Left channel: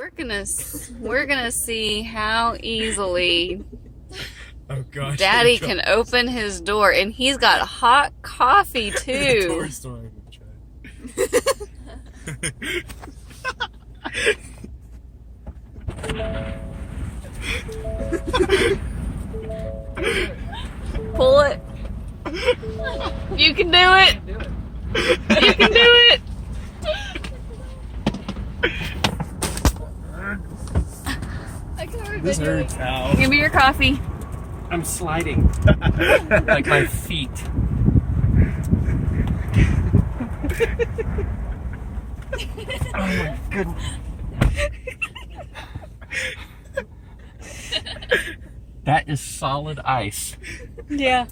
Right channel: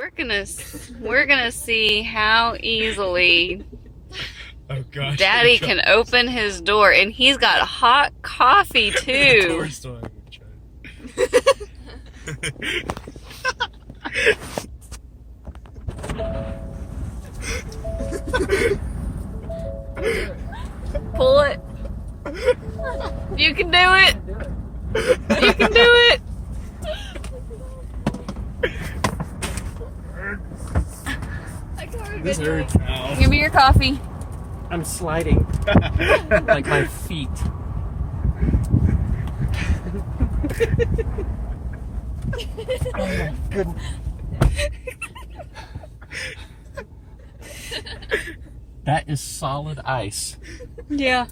We're gonna see how easily Daddy can open his door, and he's got hot coffee too. Pull it. You can do it. You can do it. This hurts now. Give me your coffee. I'm sliding. Like my feet. Oh my goodness. That is solid ice. Yeah.